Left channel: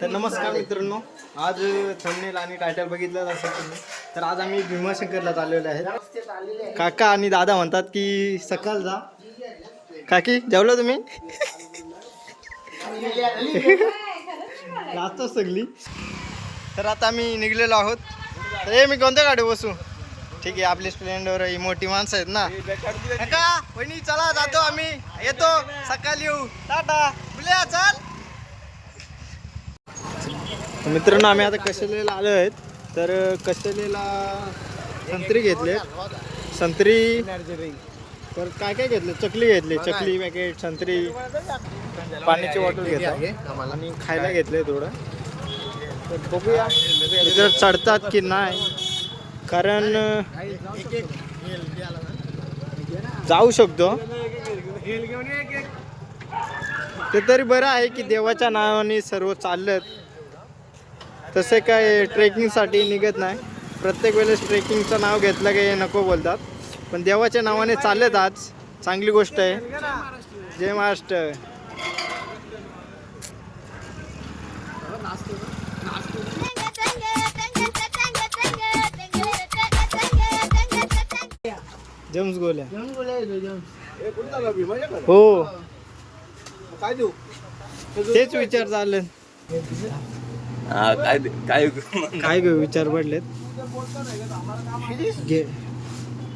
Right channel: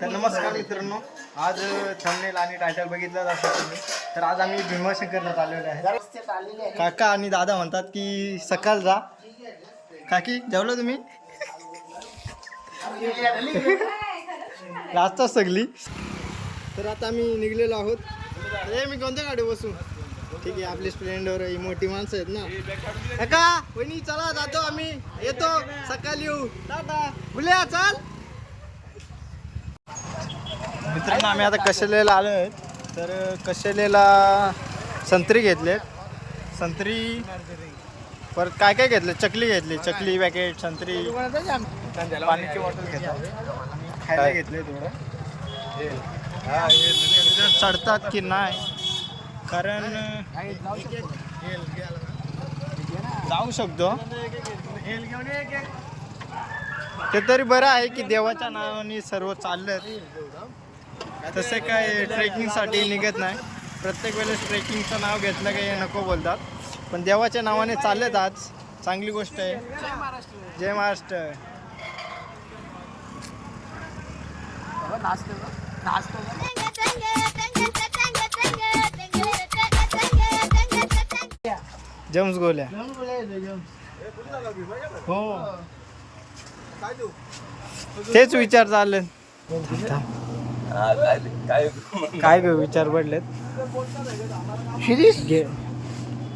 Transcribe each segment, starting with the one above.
तर नमस्कार मित्रांनो. आज थंबनेल आणि टायटल बघितलं असेल तुम्ही. तर आज आम्ही भीमाशंकरला चाललेलो आहे. काका आणि दादा म्हणतात की सकाळ जा. काकी जेवलं तुम्ही? लाजतात सगळी. तर आता आम्ही निघलेलो आहोत. तर हे मी कोणत्या गाडी बसू? ठीक आहे आपली स्प्लेंडर ही मोठी माणसं आहेत ना. काका वहिनी चला जातो आम्ही. येतो. सकाळी येऊ. टाटा. बुल्या चाल. मित्रांनो आम्ही आता कशेलेला आलो आहेत. तर कशेलेला संत्री घेतलेत. संत्री परत काय काय घेतले? चकली घेतली चकली पॅकेट संत्री. पाण्याची बॉटल घेतो आणि खायला घेतले थोडं. बघूया. इकडं चढतात की नाही. कारण जाऊ शकतो. ते तरी बरं आहे की देवाच्या नावाने सर्व चाललं तसे काय ट्रेकिंगसाठी निघत नाही. प्रत्येक वेळेस ट्रेकिंगचं नाव घेतलं काही हे नको बोलतात. पण देवाच्या नावाने चाललेत आज. चांगली गोष्ट आहे. जय महाराष्ट्र. जम्स गोल्या. हो. तेच विचार चालले हा काय ते- काय काय ग विचार पडलेत? घे.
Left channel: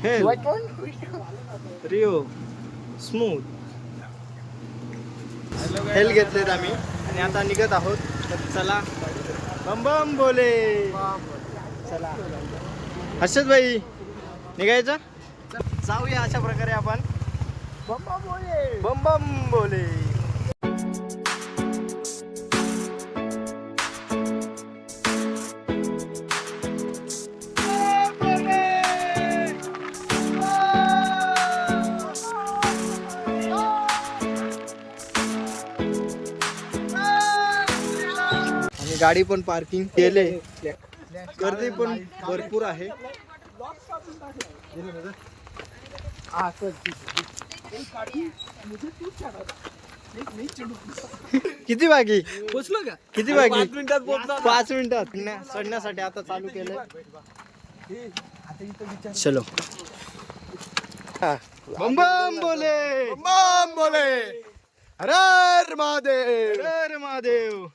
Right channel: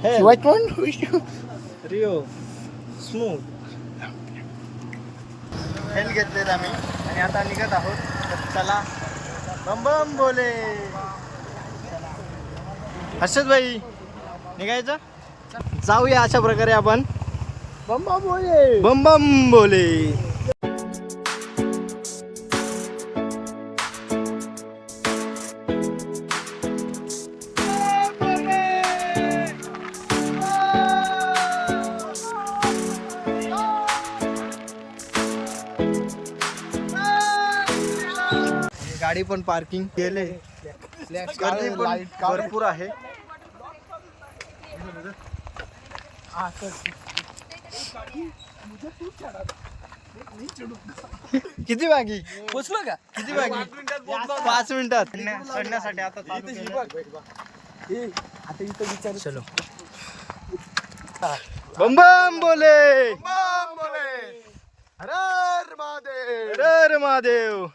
हे. Rio smooth. हेल घेतलेत आम्ही. आणि आता निघत आहोत. तर चला. बम बम बोले. चला. हर्षद भाई निघायचं? जाऊया अशा प्रकारे आपण. बम बम बोले. बम बम बोले. गाडी पण पार्किंग केले. गर्दी पण भरपूर आहे. किती बाकी? पोचलो का? किती बाकी? पाच मिनिटात चढण्यासाठी आता चालू केलं. चलो. बम बम बोले. बम बोले. हर महादेव। हर महादेव।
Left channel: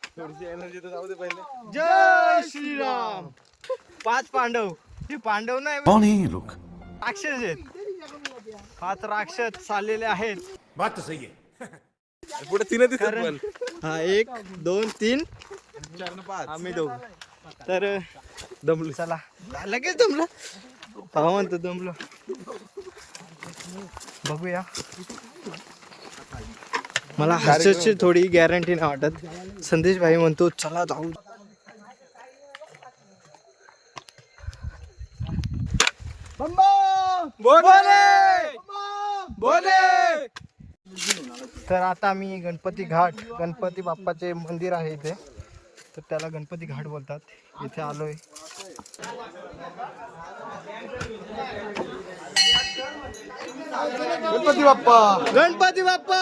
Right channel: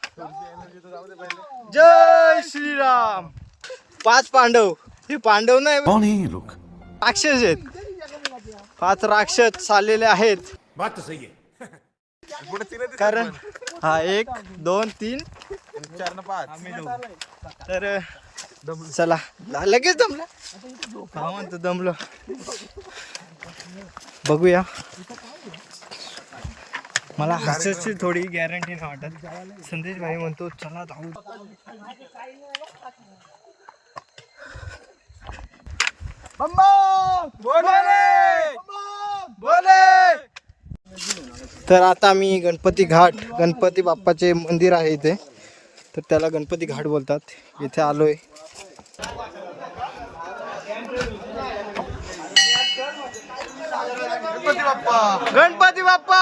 जय श्रीराम। पाच पांडव. हे पांडव नाही. है लोग राक्षस आहेत. पाच राक्षस चाललेले आहेत. बात तो सही है पुढे तीन कारण हा एक दोन तीन. आम्ही दोघ. तर दमलो. चला. लगेच दमलो. हा म्हणतो दमलो. बघूया. मला हर्षदची थोडी गॅरंटी नाही वाटत. संदेश भाई म्हणतो चला जाऊ. बोले! बोले! तर आता मी गणपती घाट गणपती बाप्पाचे मंदिर आहे इथे. तर त्याला गणपती घाट बोलतात. इथे आलोय. गणपती बाप्पा! गणपती बाप्पा!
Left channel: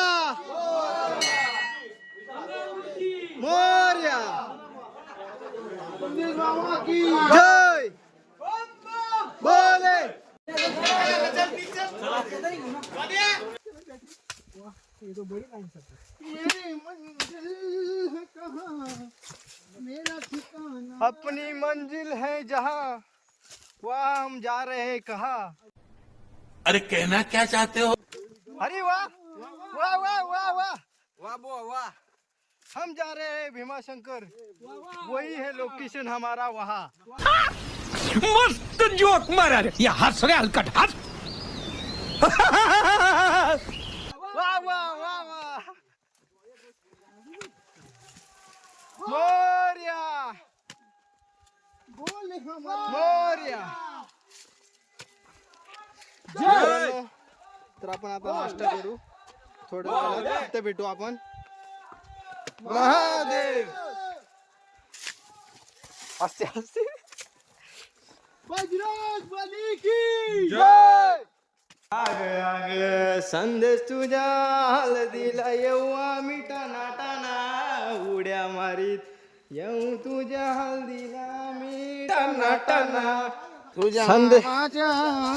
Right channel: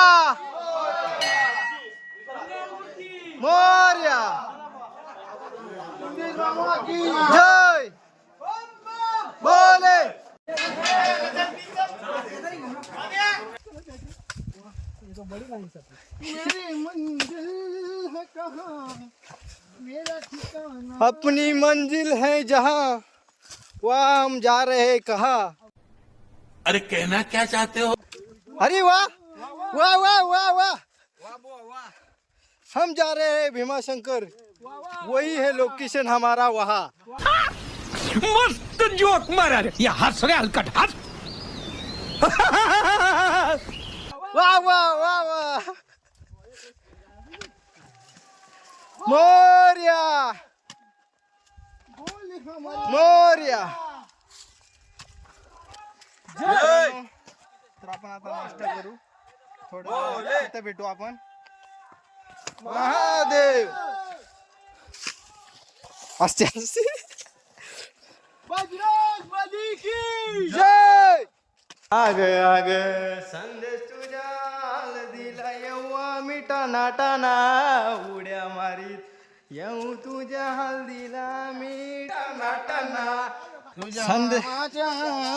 मोर्या। जय। बोले। अपनी मंजिल है जहाँ वहाँ हम जा रहे हैं कहाँ। अरे कहना क्या चाहते हो? अरे वाह वाह वाह वाह वाह। वाह वाह हम जा रहे हैं भीमा शंकर वही है लोकेशन हमारा वहाँ। मस्त जोक मारा रे। या हस रे हलकट हस। वाह वाह वाह वाह। मोर्या। मोर्या। मित्रांनो, तर आपण आता नाश्ता करू. थोडं भेटू आपण. महादेव. असते असते. बजरंग बली की जय. आग आग. संदेश तुझ्या हळदीला येऊ आम्ही टाना टाना उड्या मारीत. येऊ तुझ्या हल्दीला मी टना टना तुझ्या संद-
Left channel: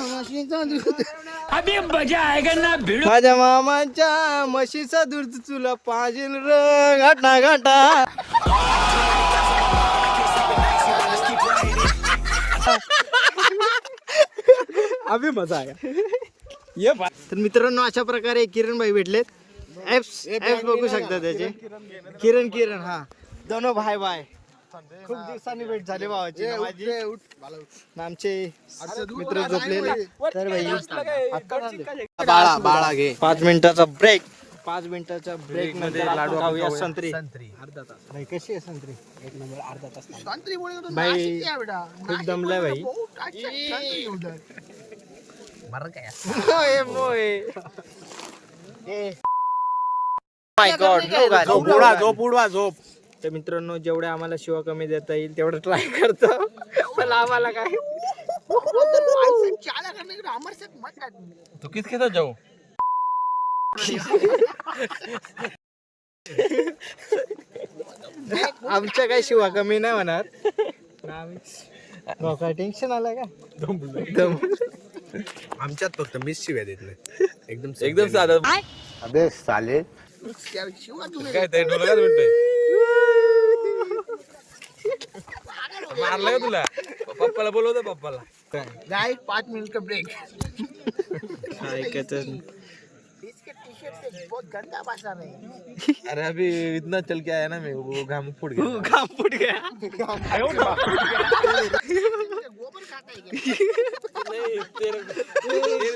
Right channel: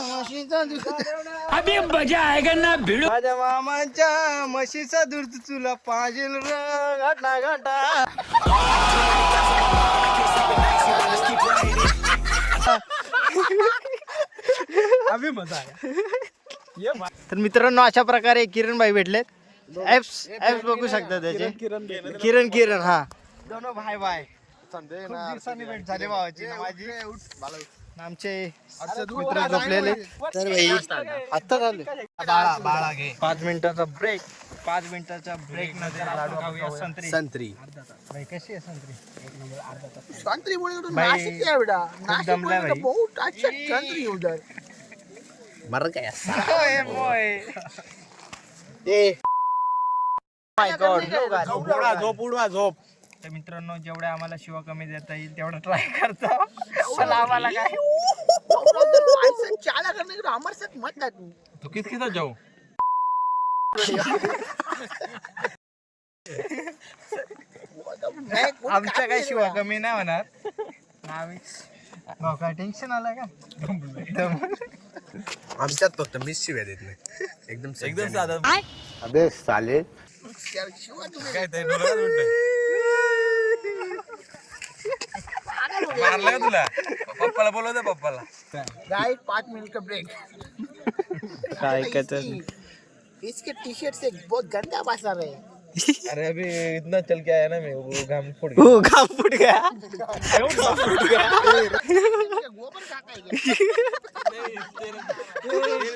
म्हशीचं दूध. अभी मजा आएगा ना भिड़ो. माझ्या मामाच्या म्हशीचा दूध तुला पाहिजे र घाटा घाटा. अभि मजा आहे तर मित्रांनो अशा प्रकारे किरण भाई भेटलेत ऍप्स ऍप्स बघू शकता त्याचे. किरण किरण. हा. दोन भाई भाई खूप दिवसांनी भेट झाली भावाची ना माझी? ना आमचे मित्र झोपलेले. तर भाई आता झाले. बाळा बाळा घे. पाच मिनिटाचा ब्रेक पाच मिनिटाचा ब्रेक नंतर आपण खाऊया संत्री. संत्री. भाई कशी आहे संत्री? संत्री भाई खूप दमलाय भाई मर काय मोय. माय गॉड झोप उडवा झोप उडवा झोप. तर मित्रांनो जेवढ्या आम्हाला शिवा कमी देता येईल तेवढं ट्राय करतो. पण आम्हाला काय? तू किस के साथ जाऊ? आमच्या काय शिवा कमी नाही होणार. ना आम्ही. भाऊ, काय टेन्शन आलंय का? दम. आमच्यात फक्त मिस शिव्या देत नाही. एकदम एकदम साधं. अबे साले. काय ते डोक्यात उडतंय. मारला का तुला? पप्पाला बोलवते पप्पाला. गाइस पाँच मिनट का ब्रेक काय ऐकत इसके टी शर्ट से बहुत गंदा भाषा रहे अरे अभी इतना चल के आया ना मैं वो घाम फुट गया। हो घाम फुट गया। गोबर खाता है क्या?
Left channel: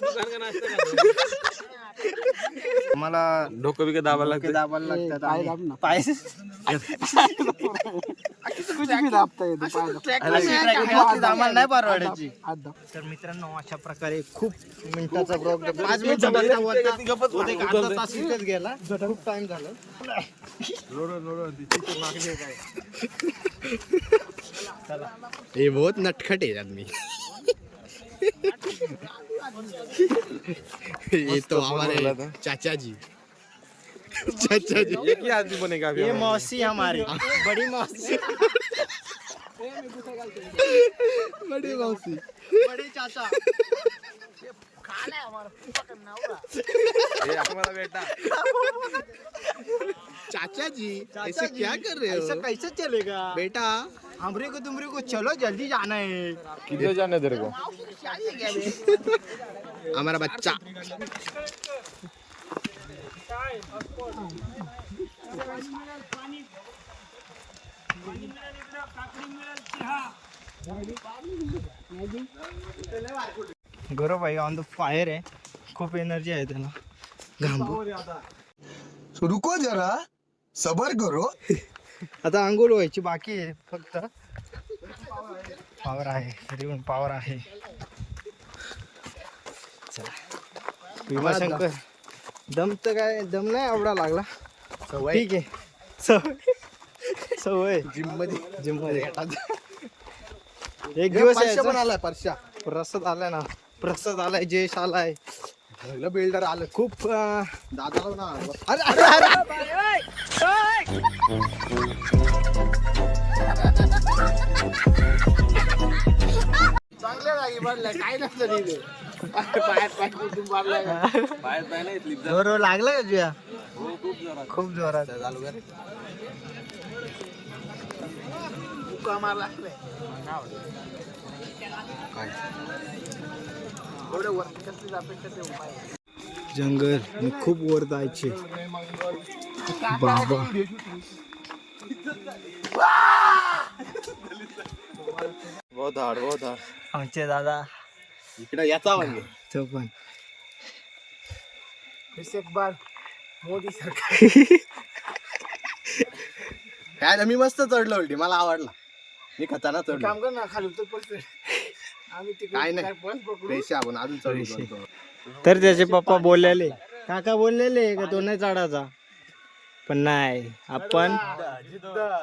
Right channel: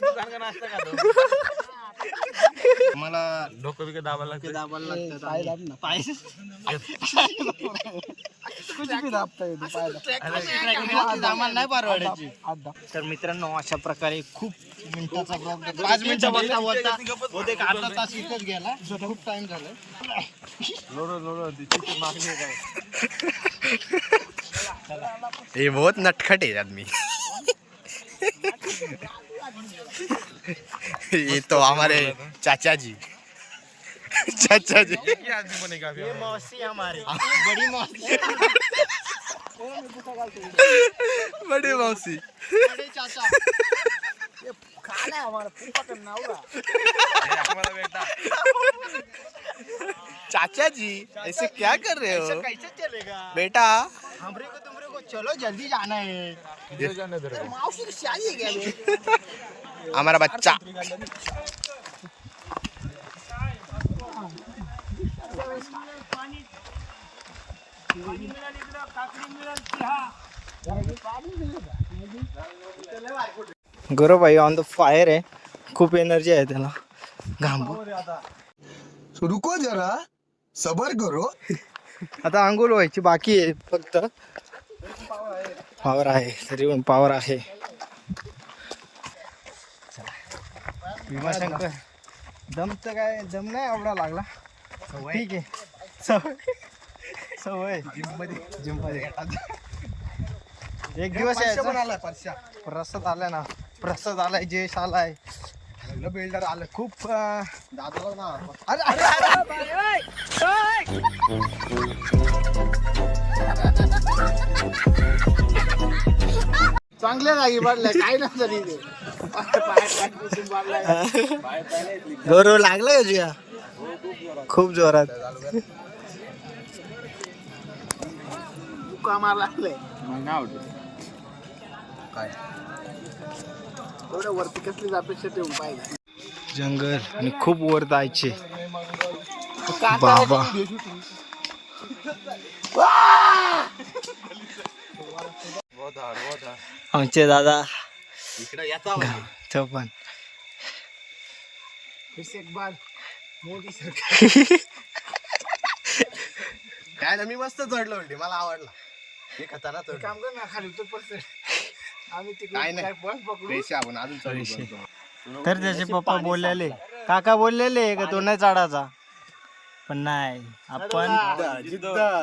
दुकान का नाश्ता खाता मला डोकं बिकं दाबायला लागते दाबायला लागतात पाय अशी tracking असली आम्हाला नाही परवडायची. तर मित्रांनो अशा प्रकारे खूप मिनिटाचा ब्लॉग पाच मिनिटं बनला होता बहुतेक अर्धा तास इथेच गेला. खूप टाइम झाला ये बहुत नटखट है आदमी ये तो हमारे चाचा जी चाचा जी आदमी बनेगा ये मौसी हमारी। बड़ी मौसी। बड़ी मौसी। बड़े चाचा। हमारा बेटा चाचा जी ऐसे क्या कर रहे हो? कैसे चलेगा? बेटा। हमरे को तुमरे को चलो जल्दी जाना है। किती जाने तेरे को? हमारा बच्चा। गौरव भाई ऑन द फायर आहे. खूप एनर्जी आहे त्याला. घाम रुको जरा. सबर करो. आता आंघोळ व्हायची बाकी आहे फक्त. पावर आहे. तरी पण पावर आहे. चला. भीमाशंकर. दम तर काय दम नाही आवडा लागला. ठीक आहे. सवय. सवय. जिममध्ये जिममध्ये एक दिवस यायचा. आला परशा प्रसाद आलाय ना. प्रसाद आलाय जयश आलाय. बिल्डर आलं. खूप अं, दादाला ना अरे अरे अरे. चांगले नाही मारलाय काय नसतं तिथे. पाय लागला का तुझ्या खूप जोरात. मुका मारला काय? जंगल आणि खूप वर जायचे. बाबा. आमचे दादा. इकडे याचा म्हणजे तो पण. फिर एक बार मोदी सरकार. काय ना मी मस्त चढलो उलटी. मला आवडला. मी खताना चढलो. काम कर ना खाली उतर पडते काय नाही. पैसे आपण अजून चढलो तर त्याचे पप्पा बोललेले काका बोललेले का? तो नाही चढायचा. पण नाही आपण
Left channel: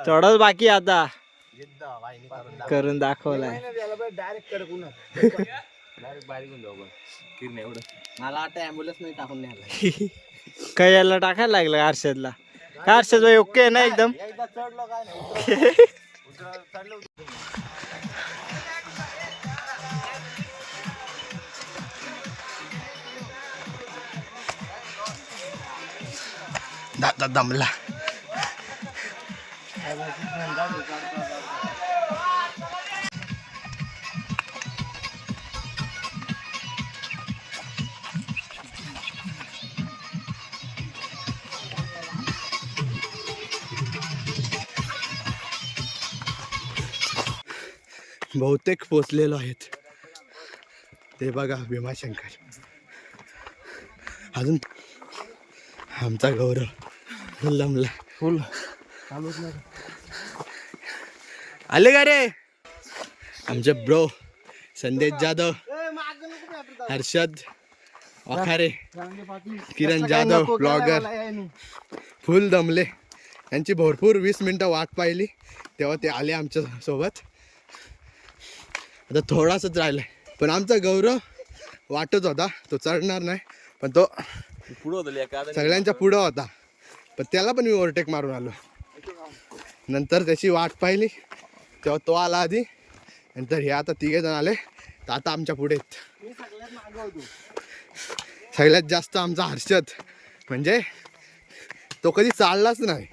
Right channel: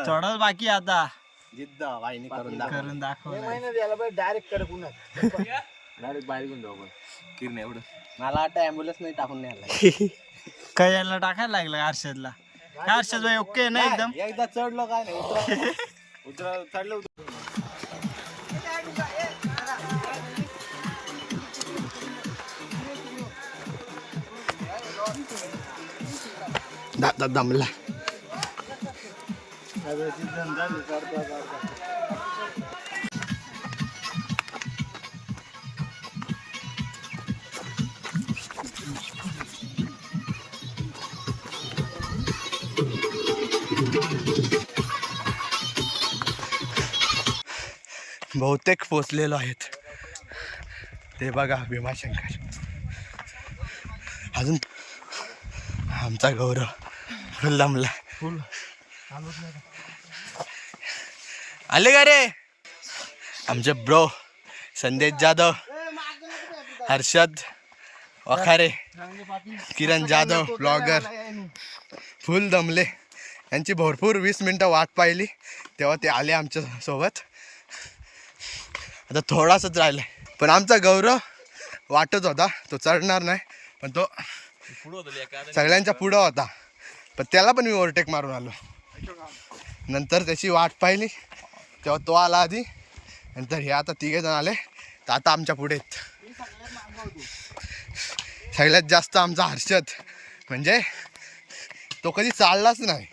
चढच बाकी आता. करून दाखव. करून दाखवलाय डायरेक्ट कर पुन्हा. डायरेक्ट बाहेर घेऊन जाऊ आपण. किरण एवढं. मला वाटतं ॲम्ब्युलन्स नाही टाकून न्यायला. काय याला टाकायला लागलं आरशादला हर्षद भाई ओके आहे ना एकदम? एकदा चढलो काय नाही. दादा दमला बहुतेक पोचलेलो आहेत. ते बघा भीमाशंकर. अजून आमचा गौरव. फुल. दमला फुल आले का रे? आमचे bro Sandesh Jadhav Harshad Vakhare Kiran Jadhav blogger. Full दमले. यांची भरपूर वीस मिनटं वाट पाहिली. तेव्हा ते आले आमच्यासोबत. आता थोडासाच राहिलाय. पण आमचा गौरव वाटत होता तो चढणार नाही. पण तो सगळ्यांच्या पुढं होता. पण त्याला पण मी ओव्हरटेक मारून आलो. नंतर त्याची वाट पाहिली तेव्हा तो आला आधी. नंतर हे आता तिघे जण आले. तर आता आमच्या पुढे सगळ्यात जास्त आमचा हर्षद. म्हणजे तो कधी चाललाच नाही.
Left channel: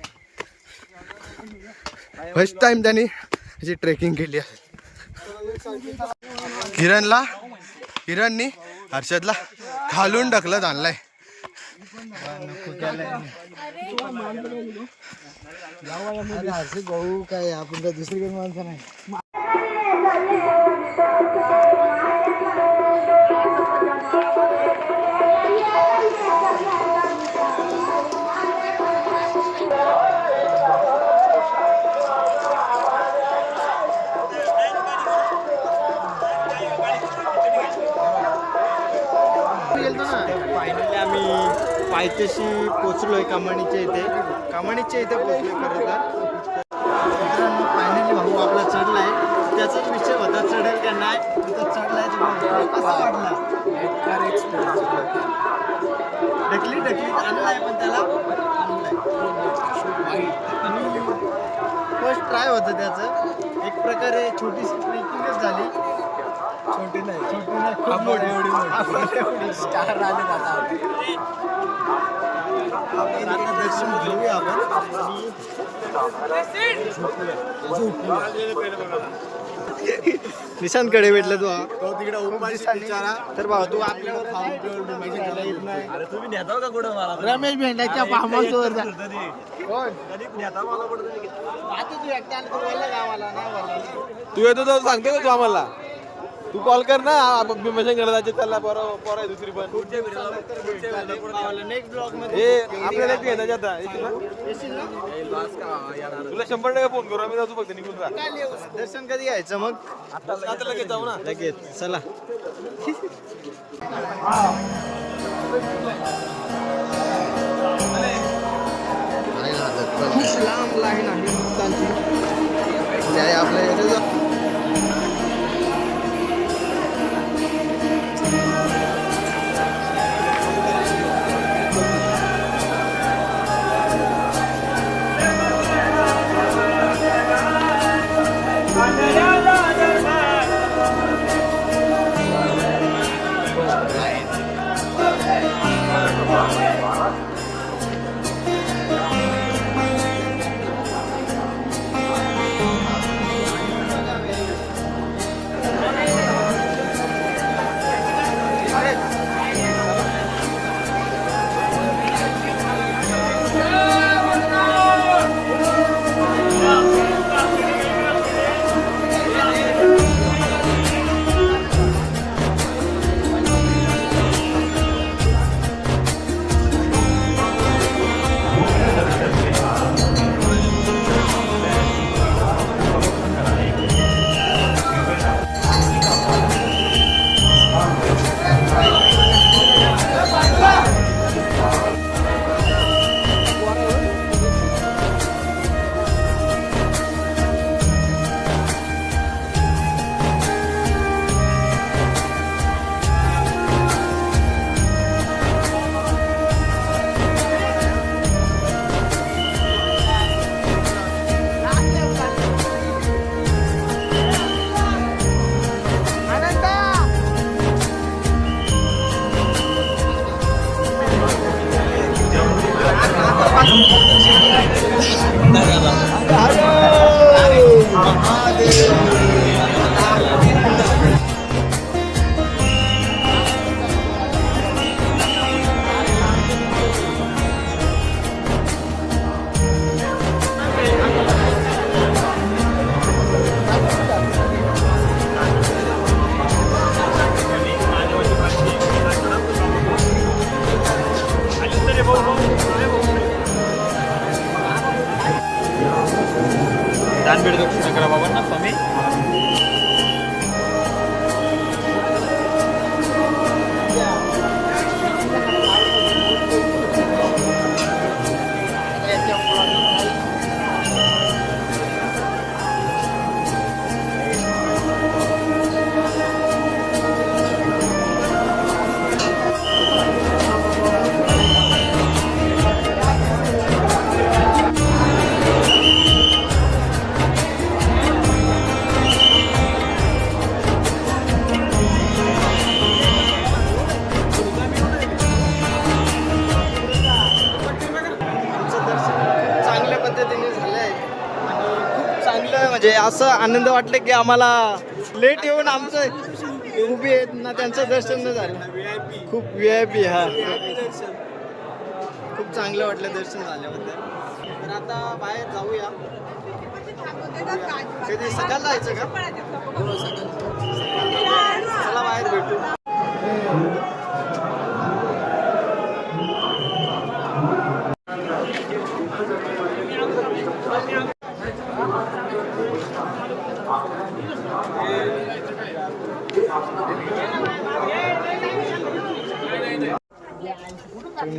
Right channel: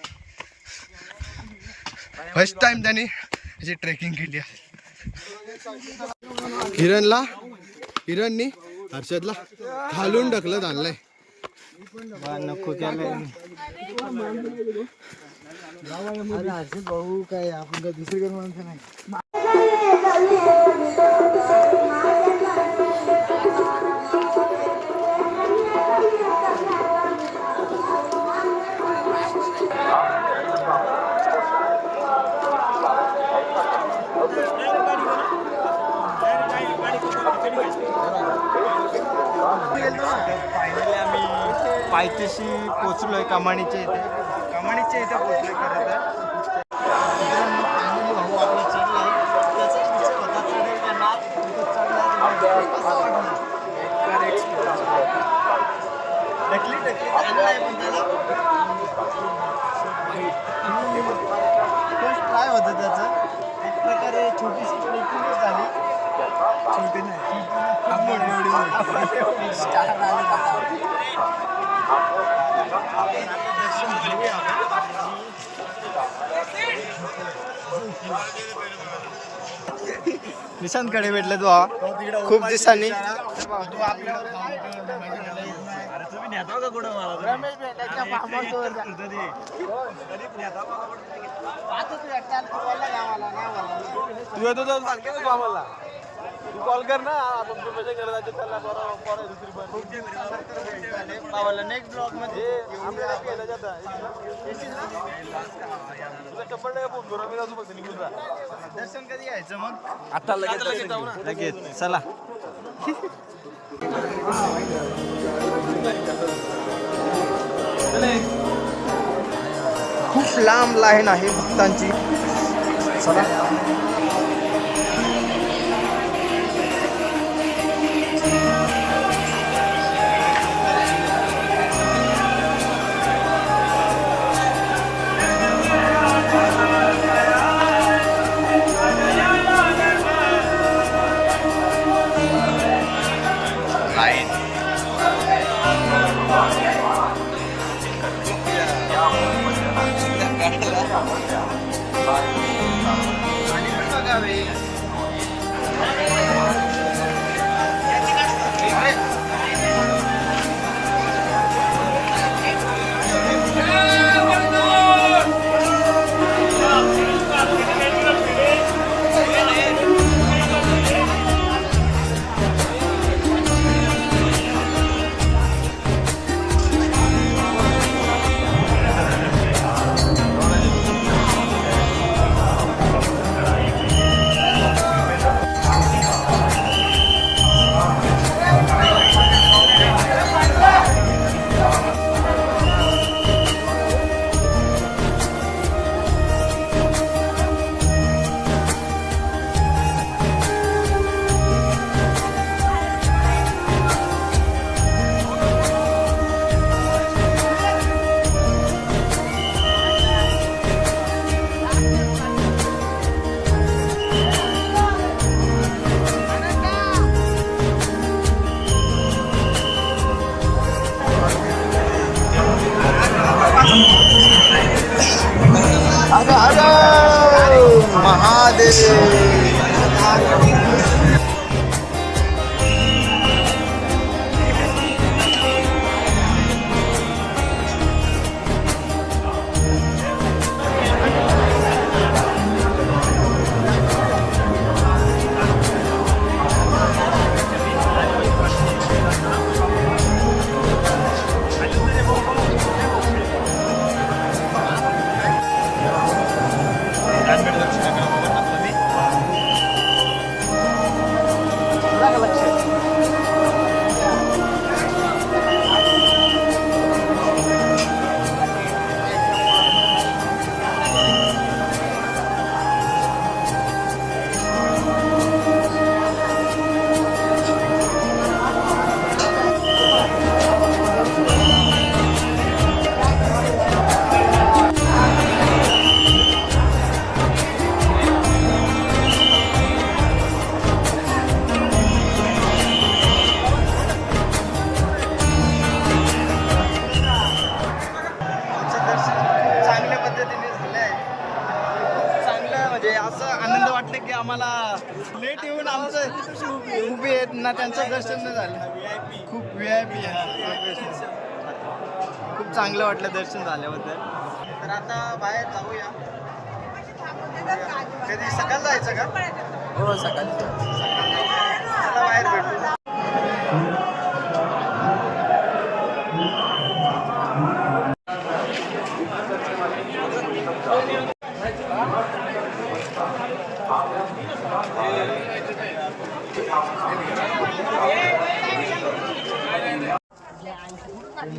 फर्स्ट टाइम त्यांनी अशी ट्रेकिंग केली आहे. किरणला किरणनी हर्षदला खालून ढकलत आणलाय. भाऊ काय आपण काय दुसरीकडे माणसं नाही. पायथ्याशी पोचलोय कमानीच्या इथे. कमानीच्या इथे पोचलोय खरं तर. मित्रांनो फायनली भाऊ आपला चढलाय. त्याचाच विषय होता चढेल का नाही? तिथं चढलाय तर भाऊ. कसा वाटला? ढकली ढकली. आणलाय पण त्याला. आणि फर्स्ट ट्राय होतं त्याचं. एक प्रकारे छोटीशी ट्रेकिंगच झाली. छोटी नाही. छोटी नाही खूप मोठी एवढी आपण एवढी स्टार आले आता दर्शन घेऊया निशांत कडे भेटले तू हा खूप दिवसांनी. तर भाऊ तू आपल्यावर तुम्ही नेता का कुठं मला? रमेश भेंडाच्या फार्म हाऊसवर. आता तू एकटा तू गावाला नाही. तू येतो तर सांगते का तू आम्हाला? तू कॉल कर ना भीमसेन करायला त्याला बरं बरं आहे दुसरी पण. भावाला नेक्स्ट ब्लॉगमध्ये आपल्याला येण्याच्या आता. येशील ना? तुला शंभर टक्के फोन करू आम्ही फक्त निघून. दर्शन कधी यायचं मग? आता लगेच चला. खूप लांब लाईन आहे भक्तांची. आमचं वाटलं की आम्हाला लेट येऊन आमचं उभे आहेत ना त्यांचं दर्शन झालं. खूप व्ही आय पी हा. खूप चांगलं वाटलं दर्शन झाल्याबद्दल. तर आता बाहेर जाऊया. कधी? सकाळ जायचं का? हो सकाळ सकाळ जाऊया. चला बाहेर भेटू.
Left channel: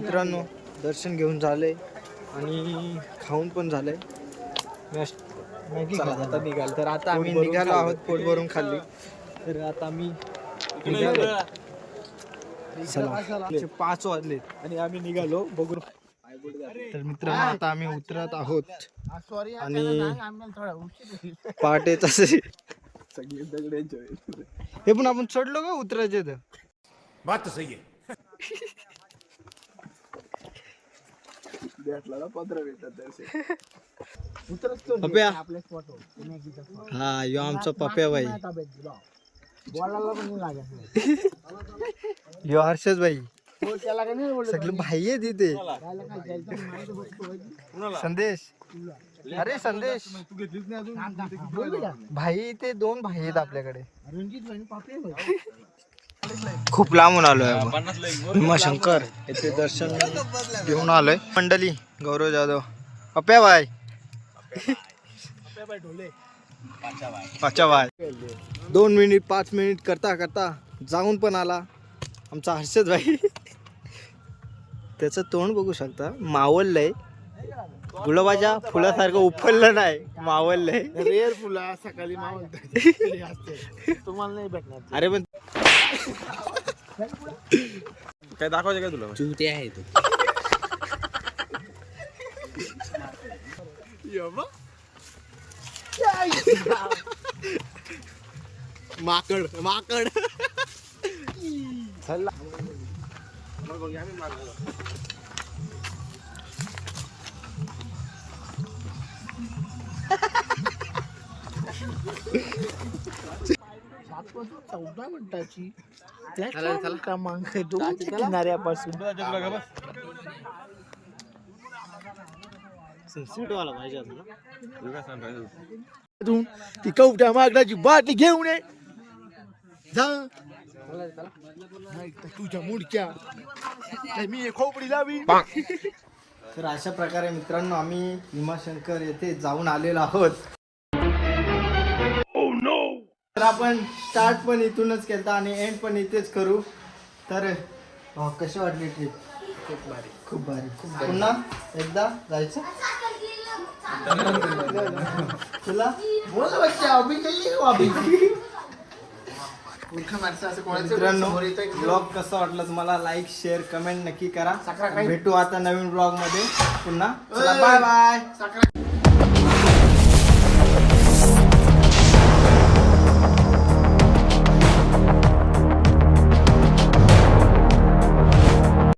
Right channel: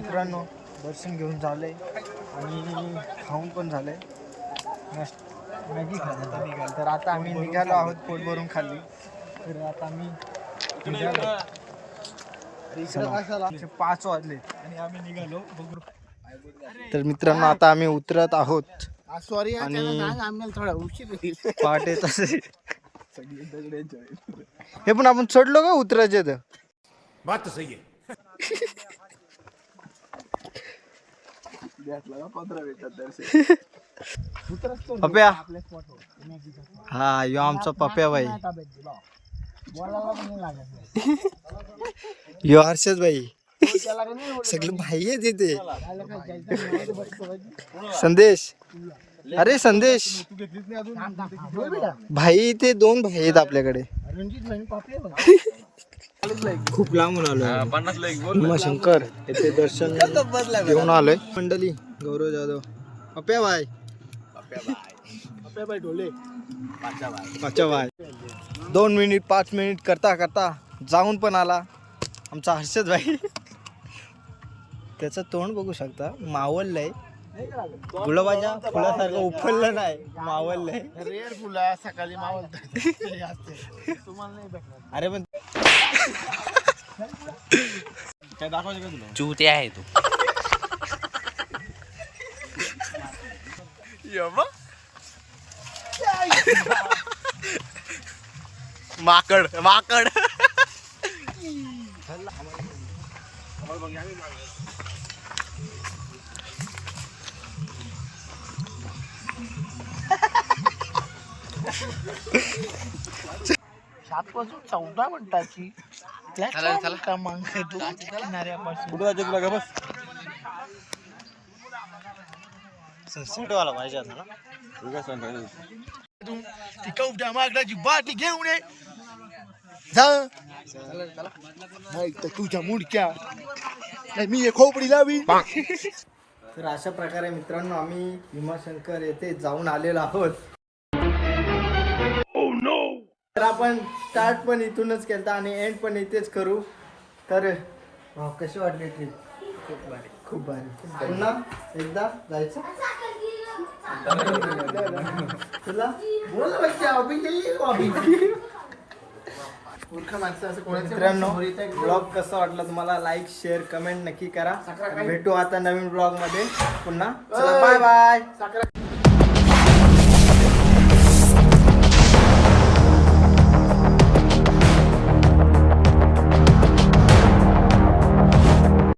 मित्रांनो दर्शन घेऊन झालंय आणि खाऊन पण झालंय. मॅश- मॅगी खाल्ली. आता निघाल. तर आता आम्ही निघालो आहोत पोट भरून खाल्ली. तर आता आम्ही निघालो. चला. पाच वाजलेत आणि आम्ही निघालो. बघून तर मित्रांनो आता आम्ही उतरत आहोत. सॉरी आणि पहाटे तसे हे पण आपण चढलो का उतरायचे तर बात तो सही है भेटला ना पंधरा मिनिटात दर्शन पप्या. हा यो आमचा पप्या बाई. यो हर्षद बाई. सगळे भाई आहे तिथे संदेश. अरे संदेश. भाई ते दोन भाई आहेत आपल्याकडे. खूप लांबून आलोय भीमाशंकर येथे दर्शन घेऊन आलोय. मंडळी गौरव जाधव. पप्या बाय पाचा बाय दोन मिनिट पाच मिनिट करता करता जाऊन पण आला आमचा हर्षद भाई त्याचं तोंड बघू शकता. मावललंय गुलाबाच्या फुलासारखं उफललं नाही. मावललंय रेअर फुला सकाळी मावलतात तुम्हाला नाही भेटणार. अरे पण काय दाखवायचं काय तुला चुते आहे तू. माकड माकड. सात पासून चौदा मिनिटाची. प्लॅटफॉर्म क्रमांक दोनच्या किनाऱ्यापासून तुला का बस? सनसेट वाला पाहिजे होता ना. तू काय सांगतो तू ती कवट्या मागण्याची बाटी घेऊन ये. जा. नाही तर तुझ्या मुडक्या. नाही, मी हे खोपडी लावी. तर अशा प्रकारे मित्रांनो आम्ही भीमाशंकर येथे जाऊन आलेलो आहोत. तर आपण स्टार्ट पण इथूनच केलता आणि एंड पण इथेच करू. तर कशी वाटली ट्रिप खूप भारी. खूप भारी. खूप पुन्हा एकदा जायचं? तुला? बोल बच्चा अभी जाइए अभी मित्रांनो ब्लॉग कसा वाटला तुम्हाला? लाईक शेअर कमेंट नक्की करा. भेटू आता नवीन ब्लॉगमध्ये. पुन्हा. चला बाय बाय